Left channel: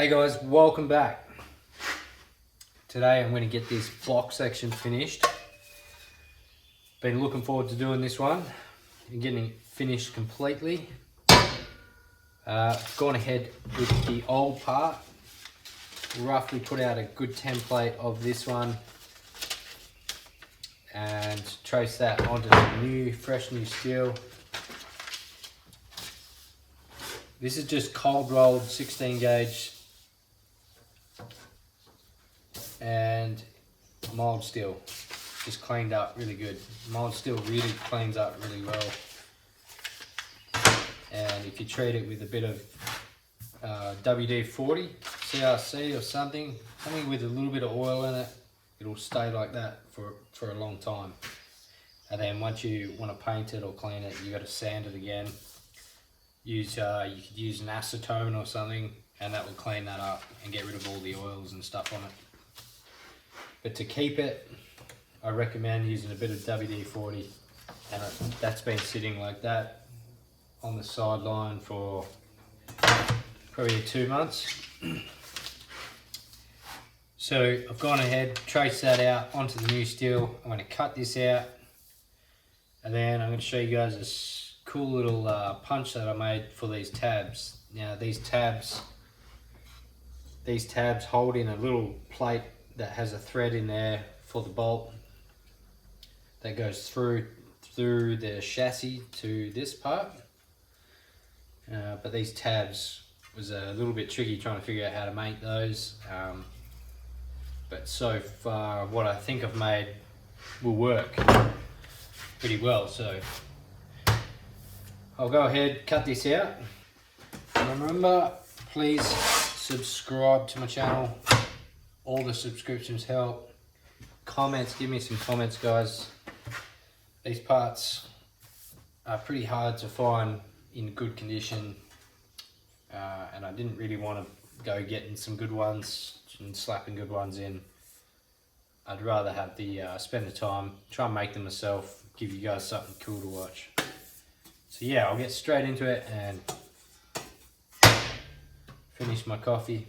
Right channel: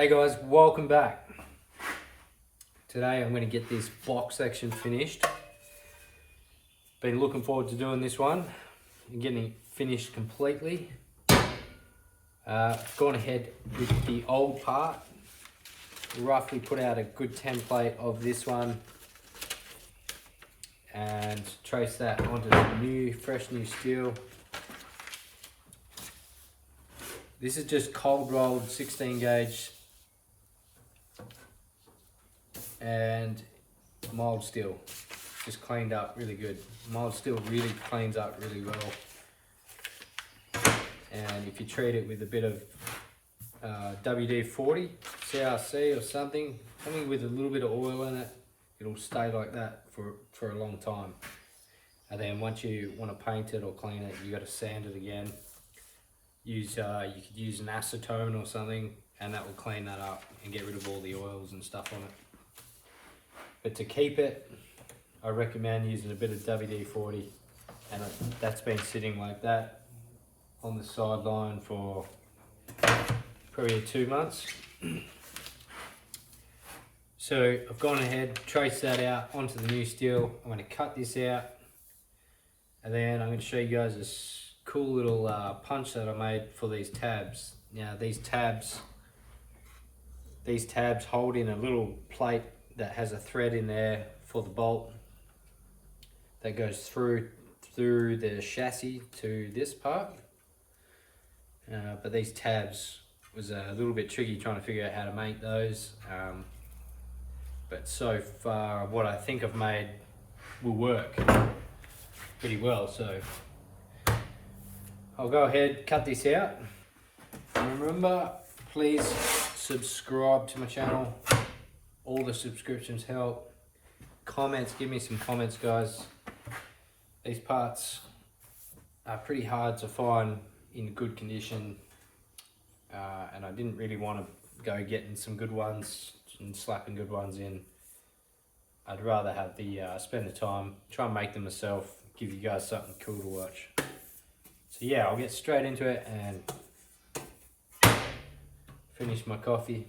Hey guys, welcome back. Today I'm going to get this block section finished. Been looking forward to doing this one and getting it finished completely. Gone ahead with the old part. Roughly put out a good template of this one and trace that onto the fresh new steel. This is just cold rolled 16 gauge and mild steel, just cleaned up really good. Mild steel really cleans up really well, and if you treat it with a bit of WD-40 CRC or something with a little bit of oil in it, it'll stay like that for a long time. And then once you want to paint it or clean it, you got to sand it again. You could use an acetone or something, and that will clean that up and get rid of all the oils and stuff on it. But to keep it, I recommend using a bit of WD-40, and that's been sitting like that on the sideline for probably 2 months. So I've gone ahead, traced that out onto the new steel. I'm going to cut this out, and then I'm going to show you guys this cool little punch that I made for these tabs. Now these tabs hold in a little plate that has a thread in there for the bolt that goes through the chassis to this part. But these tabs was a little bit tricky trying to figure out how to make those. But so far what I think I've made will work pretty well. So I'll go ahead, cut this out. Remember, please subscribe to my channel. All the subscriptions help. Comments, give me some comments, guys. These parts are pretty hard to find in good condition, and I didn't really want to go getting some good ones and slapping good ones in. I'd rather have spend the time, try and make them myself, give you guys something cool to watch. So yeah, I'll get straight into it and finish my coffee.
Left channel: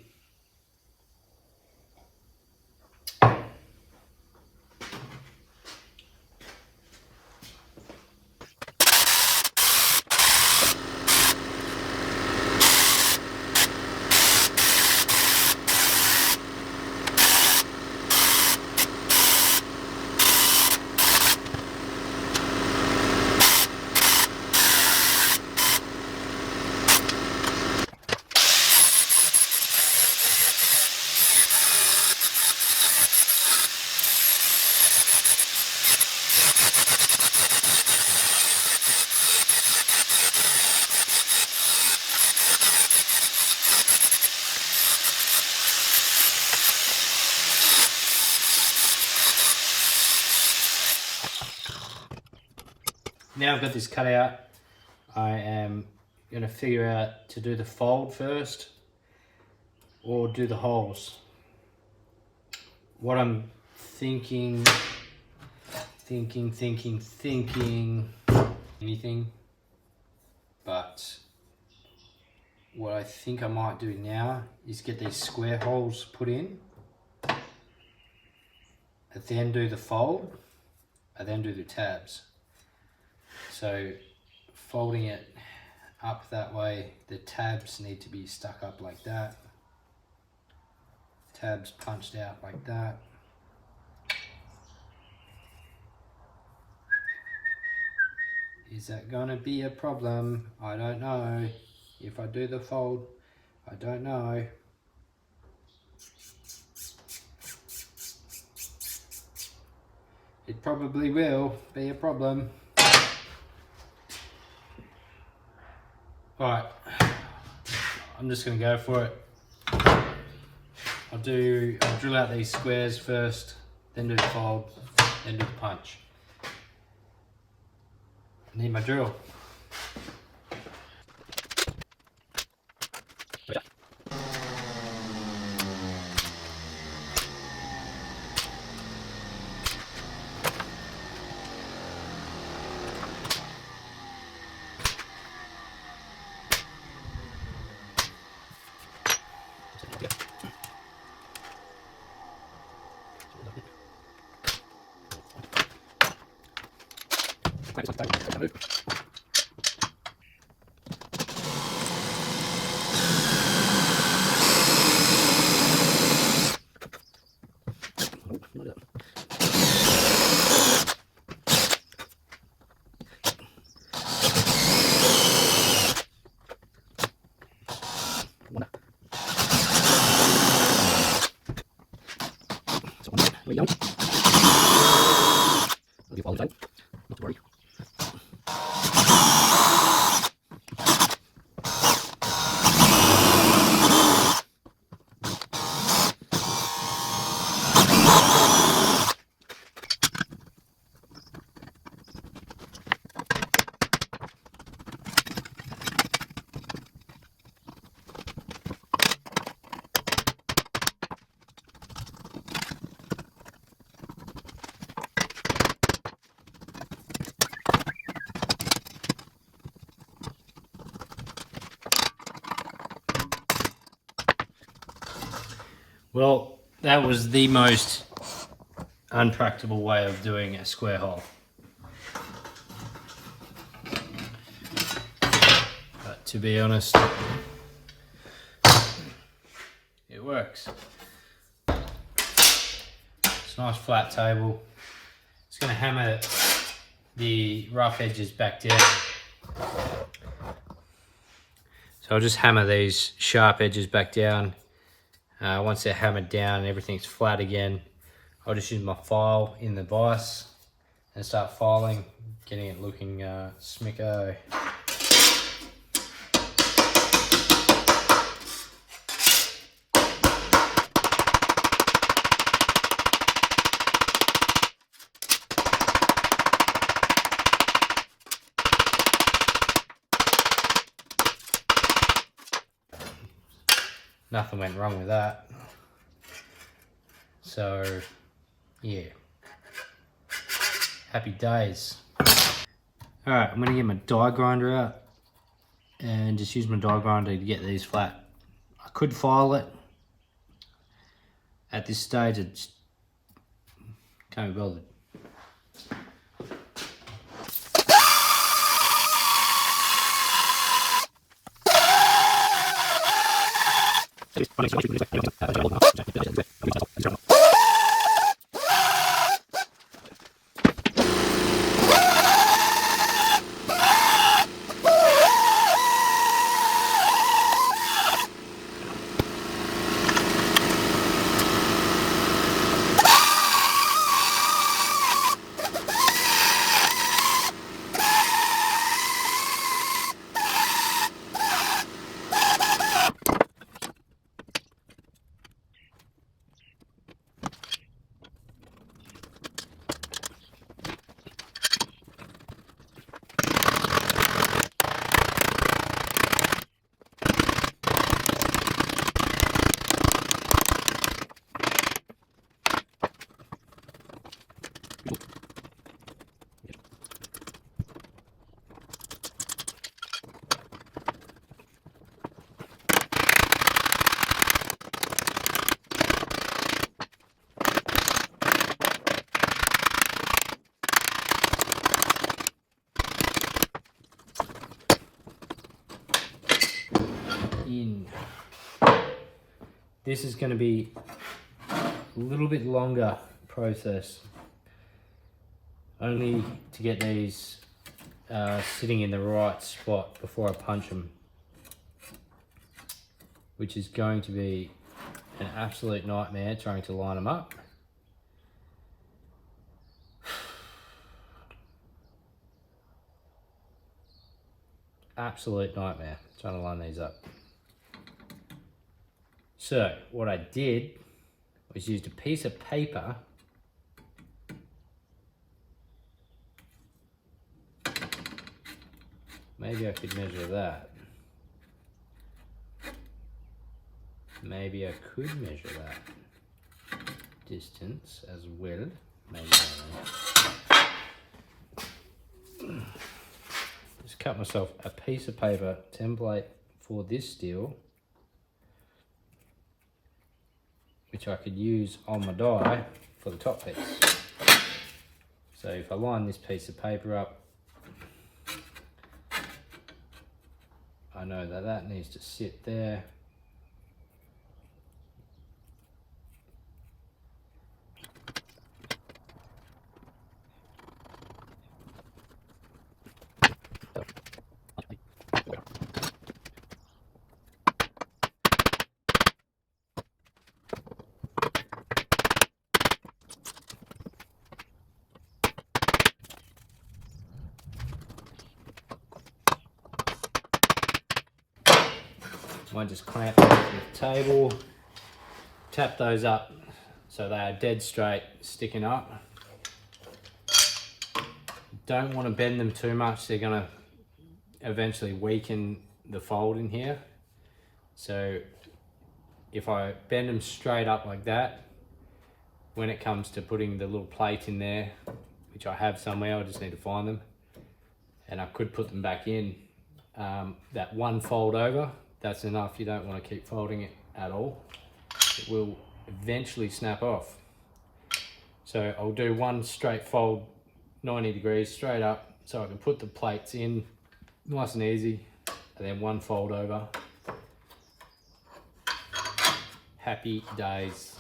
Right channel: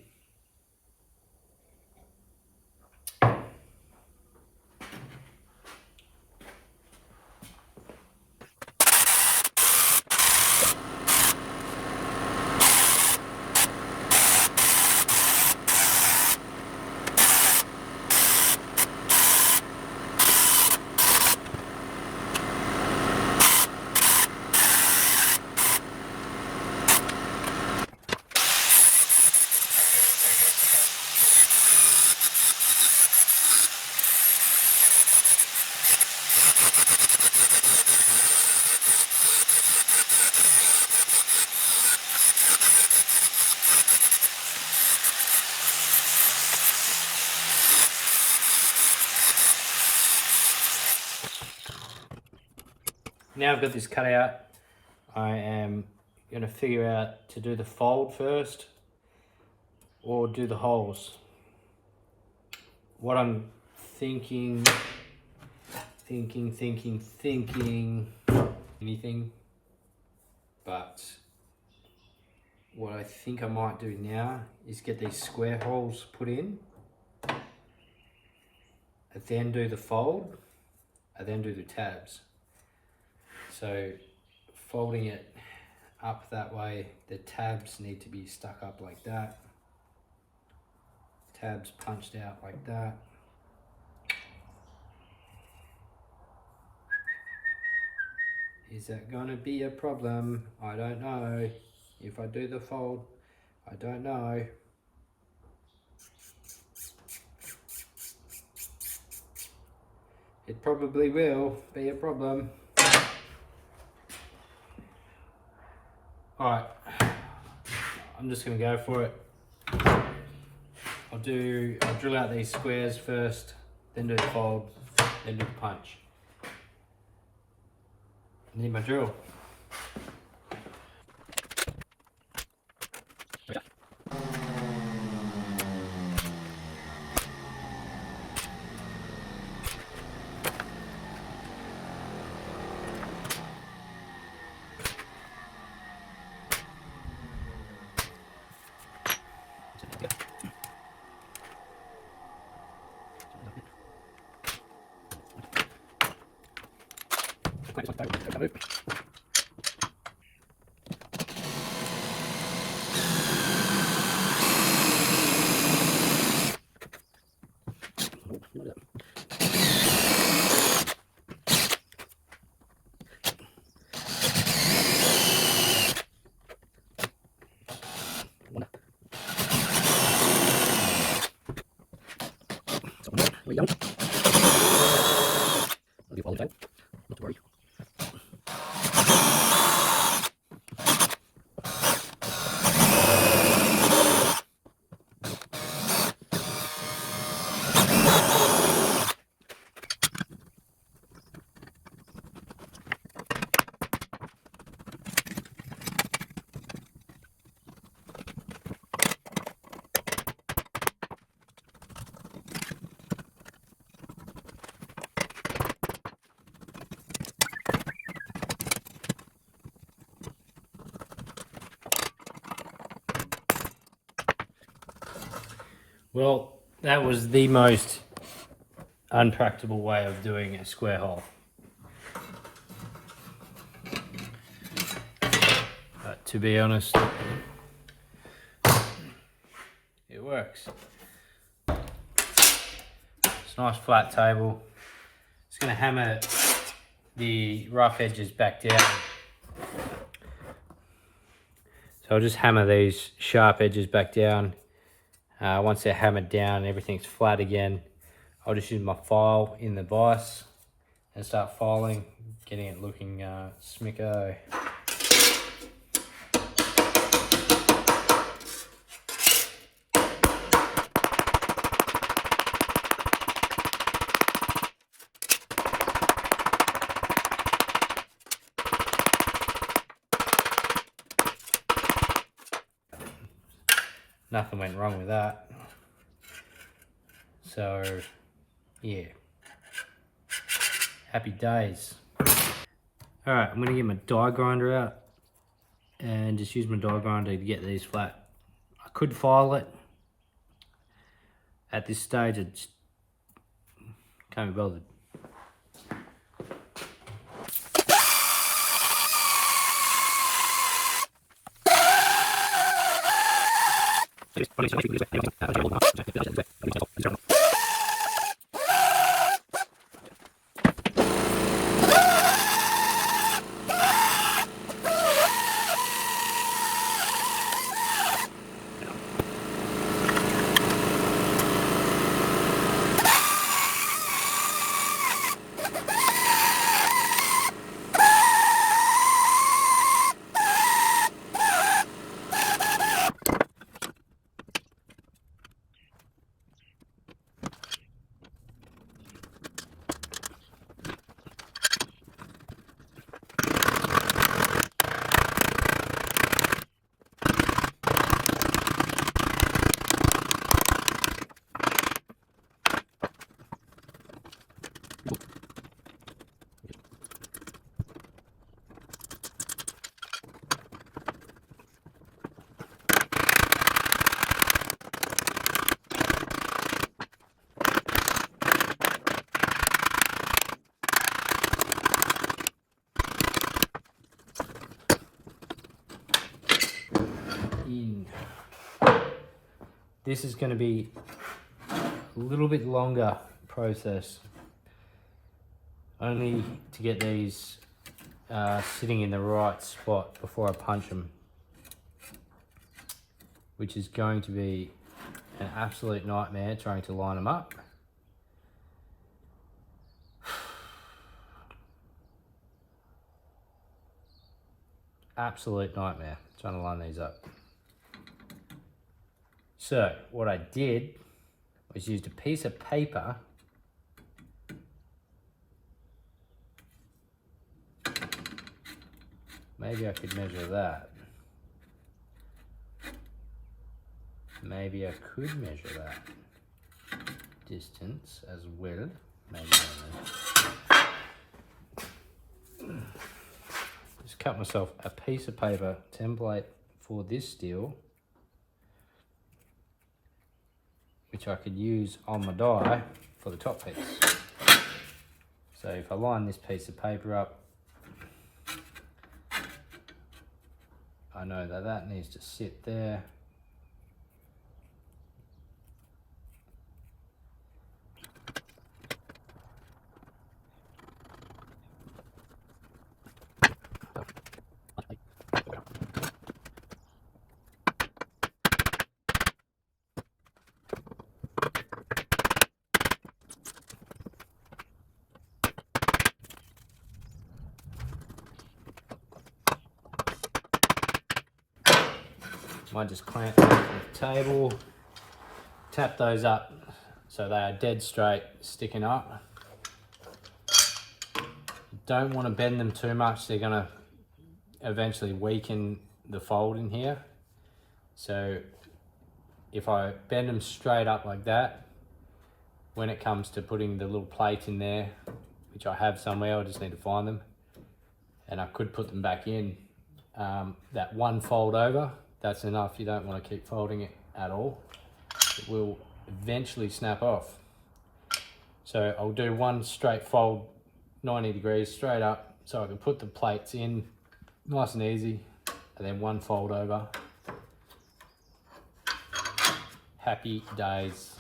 Now I've got this cut out, I am going to figure out to do the fold first or do the holes. What I'm thinking, anything, but what I think I might do now is get these square holes put in, and then do the fold, and then do the tabs. So folding it up that way, the tabs need to be stuck up like that. Tabs punched out like that. Is that gonna be a problem? I don't know. If I do the fold, I don't know. It probably will be a problem. Alright, I'm just going to go for it. I'll drill out these squares first, then do the fold, then do the punch. I need my drill. Not to worry. Well, that was the most unpractical way of doing a square hole. But to be honest, it works. It's a nice flat table. Just going to hammer the rough edges back down. So I'll just hammer these sharp edges back down. Once they're hammered down and everything's flat again, I'll just use my file in the vise and start filing, getting it looking smicko. Nothing went wrong with that. So, yeah. Happy days. Alright, I'm going to get my die grinder out and just use my die grinder to get these flat. I could file it. At this stage, I just can't be bothered. This is going to be a little bit longer process, only to get these sitting in the right spot before I punch them, which is going to be an absolute nightmare trying to line them up. Absolute nightmare trying to line these up. So what I did was used a piece of paper maybe I could measure that. Maybe I could measure that distance as well. Maybe just cut myself a piece of paper template for this steel, which I could use on my die for the top piece. So if I line this piece of paper up I know that that needs to sit there. Might just clamp those with the table, tap those up so they are dead straight, sticking up. Don't want to bend them too much, they're going to eventually weaken the fold in here. So if I bend them straight up like that, when it comes to putting the little plate in there, which I have somewhere, I just need to find them, and I could put them back in, that one fold over, that's enough. You don't want to keep folding it at all. It will eventually snap off. So I'll do one straight fold, 90 degrees straight up, so I can put the plates in nice and easy, and then one fold over. Happy days.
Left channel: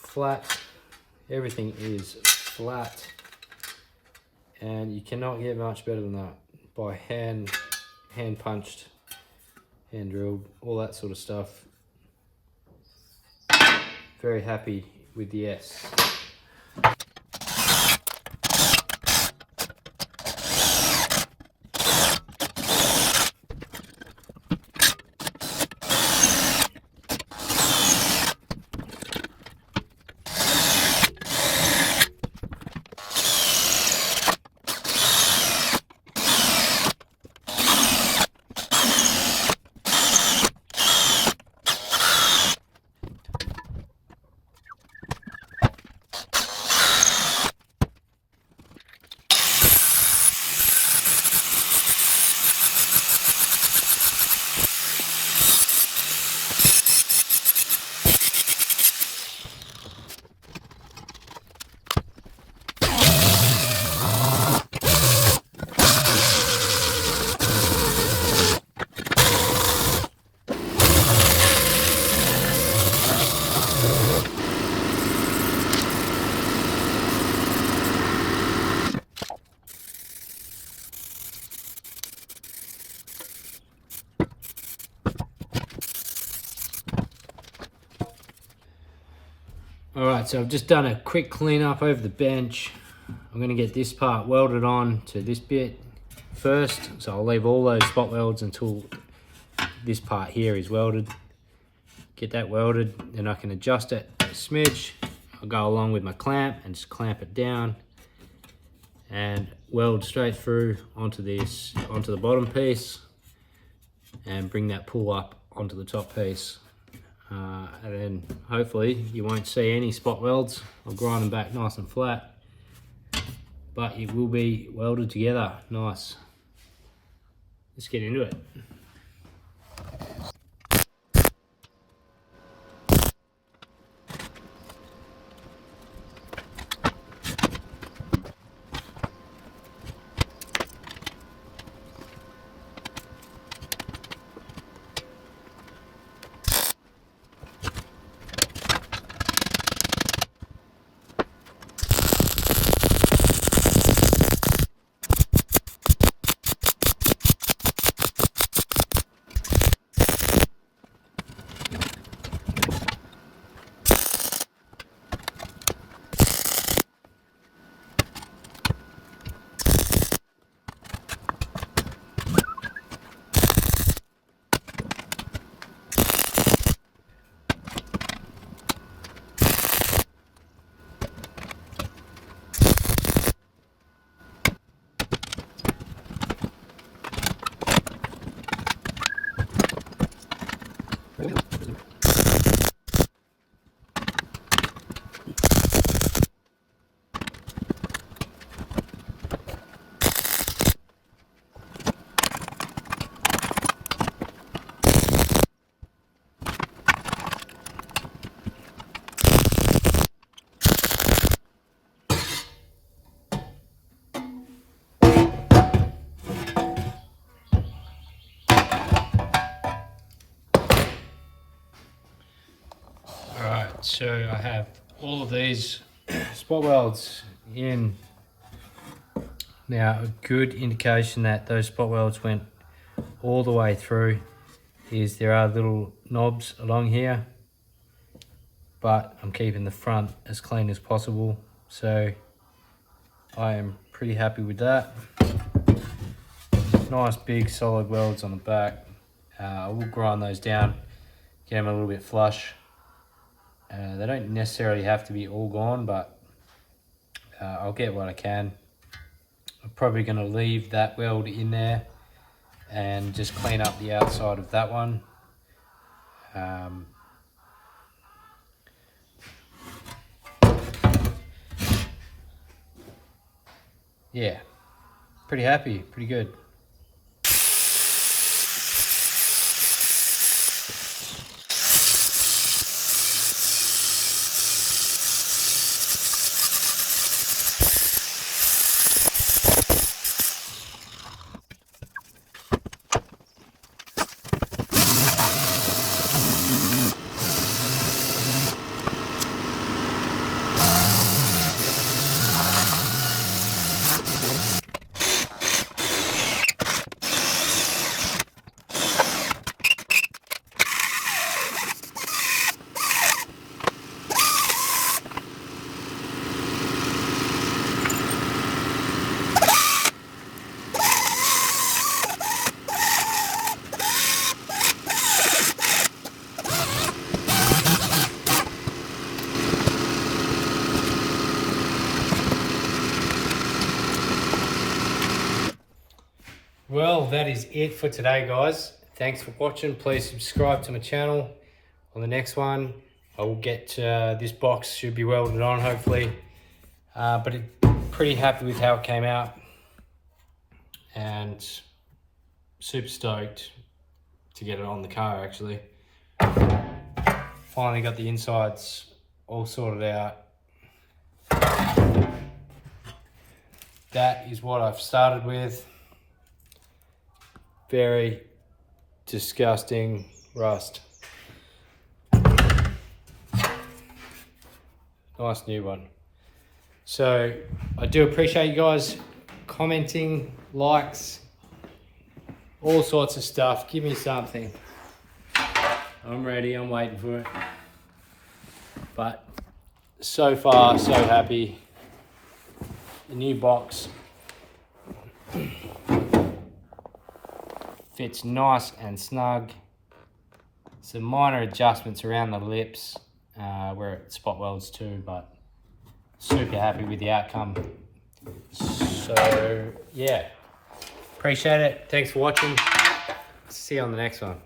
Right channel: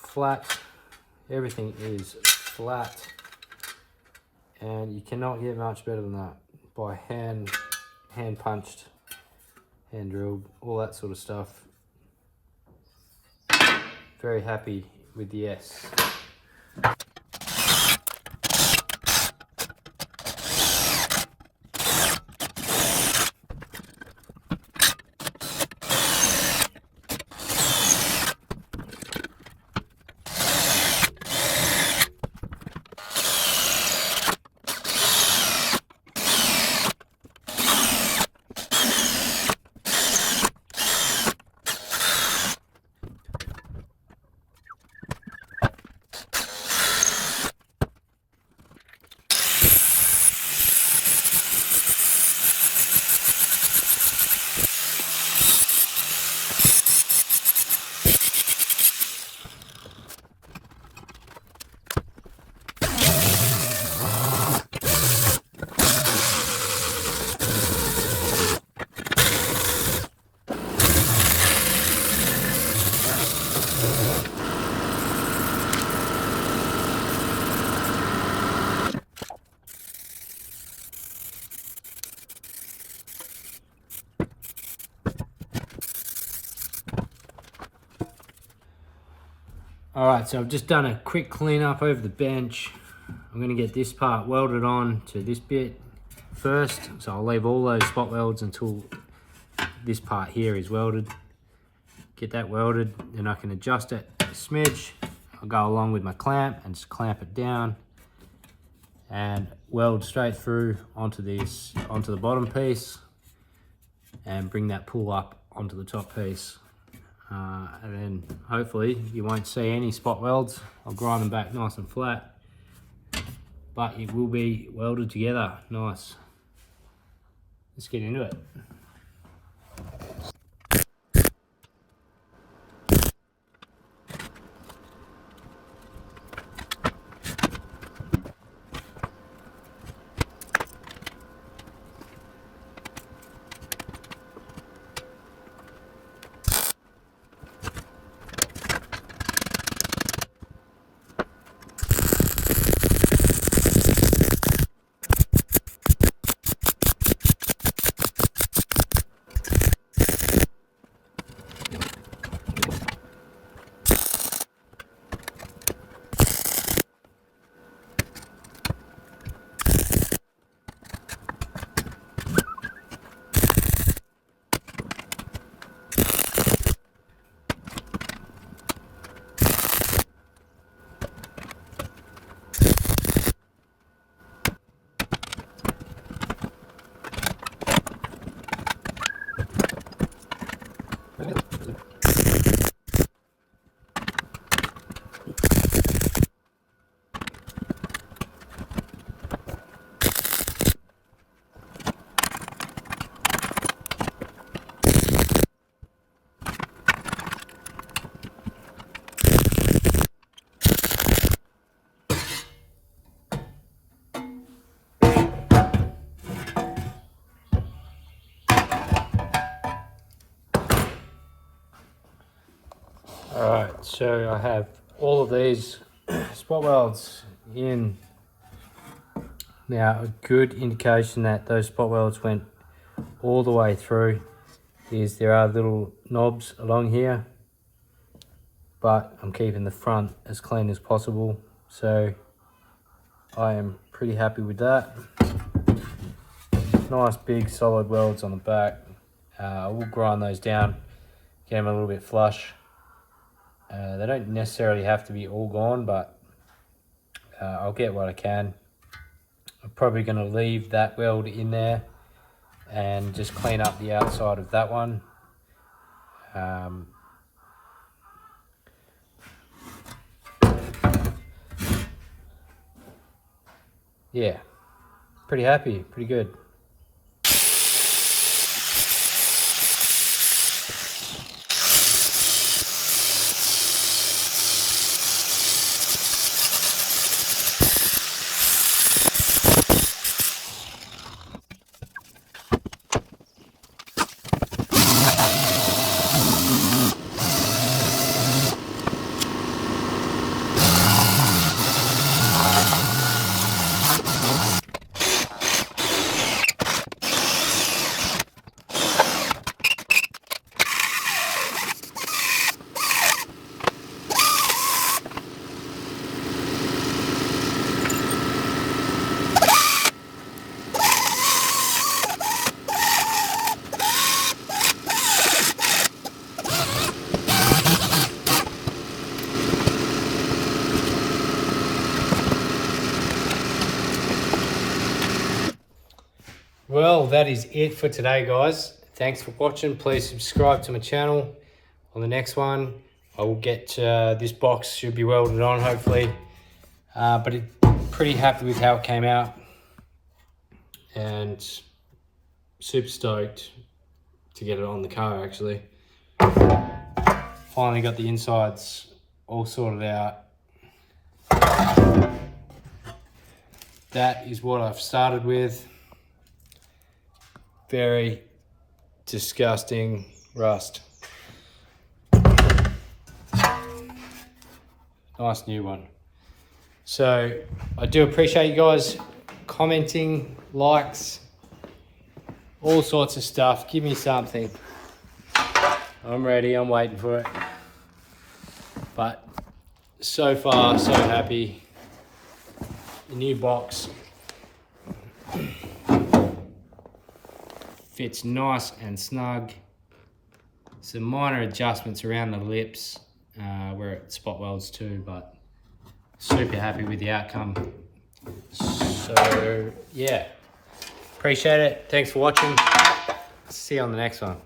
Flat, everything is flat, and you cannot get much better than that by hand punched, hand drilled, all that sort of stuff. Very happy with the S. Alright, so I've just done a quick clean up over the bench. I'm going to get this part welded on to this bit first, so I'll leave all those spot welds until this part here is welded. Get that welded, then I can adjust it a smidge. I'll go along with my clamp and just clamp it down and weld straight through onto this, onto the bottom piece, and bring that pull up onto the top piece. And then hopefully you won't see any spot welds. I'll grind them back nice and flat, but it will be welded together nice. Let's get into it. So I have all of these spot welds in. Now, a good indication that those spot welds went all the way through is there are little knobs along here, but I'm keeping the front as clean as possible, so I am pretty happy with that. Nice big solid welds on the back. I will grind those down, get them a little bit flush. They don't necessarily have to be all gone, but I'll get what I can. I'm probably going to leave that weld in there and just clean up the outside of that one. Yeah, pretty happy, pretty good. Well, that is it for today, guys. Thanks for watching. Please subscribe to my channel. On the next one, I will get this box should be welded on, hopefully. But pretty happy with how it came out, and super stoked to get it on the car. Actually, finally got the insides all sorted out. That is what I've started with. Very disgusting rust. Nice new one. So I do appreciate you guys commenting, likes, all sorts of stuff. Give me something. I'm ready, I'm waiting for it. But so far, so happy. The new box fits nice and snug. Some minor adjustments around the lips where it spot welds too, but super happy with the outcome. So yeah, appreciate it. Thanks for watching. See you on the next one.